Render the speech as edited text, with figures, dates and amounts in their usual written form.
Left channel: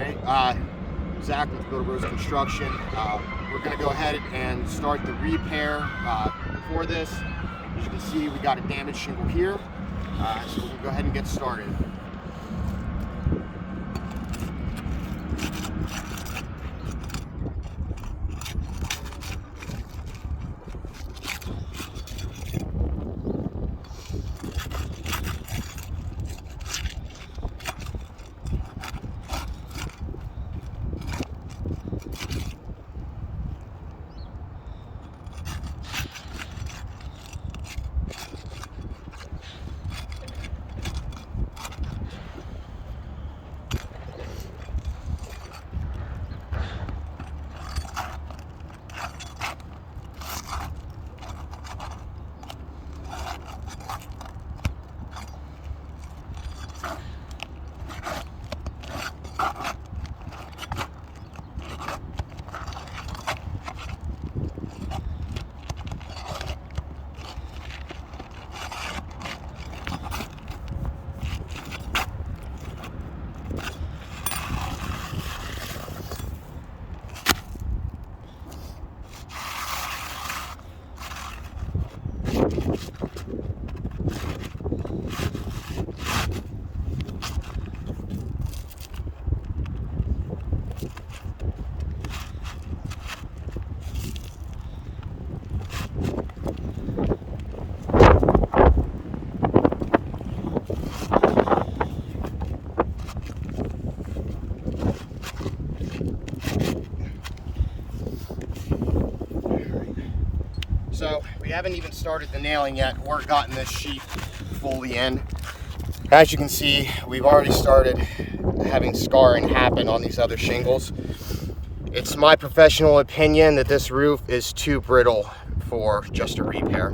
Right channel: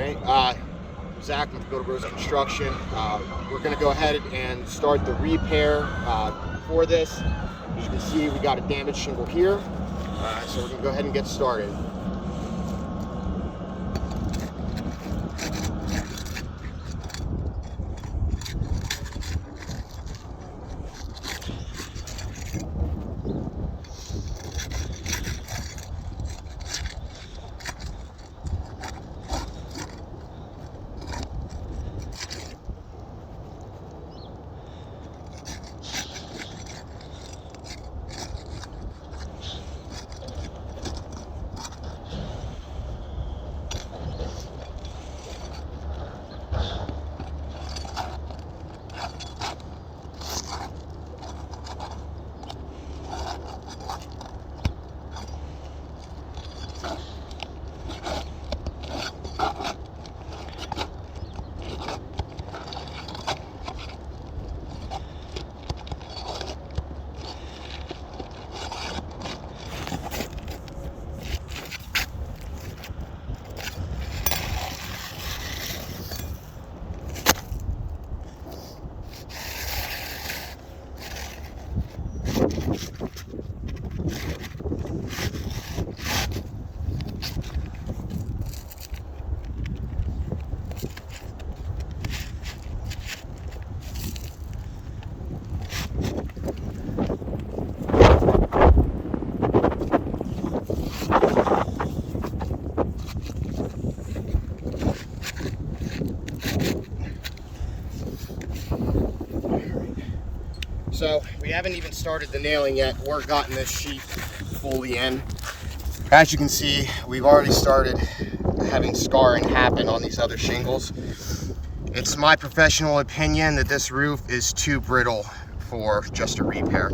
Hey, Zach with Bebout Construction. We're going to go ahead and start the repair for this. As you can see, we got a damaged shingle here, so we're going to go ahead and get started. So we haven't even started the nailing yet or gotten this sheet fully in. As you can see, we've already started having scarring happen on these other shingles. It's my professional opinion that this roof is too brittle for just a repair.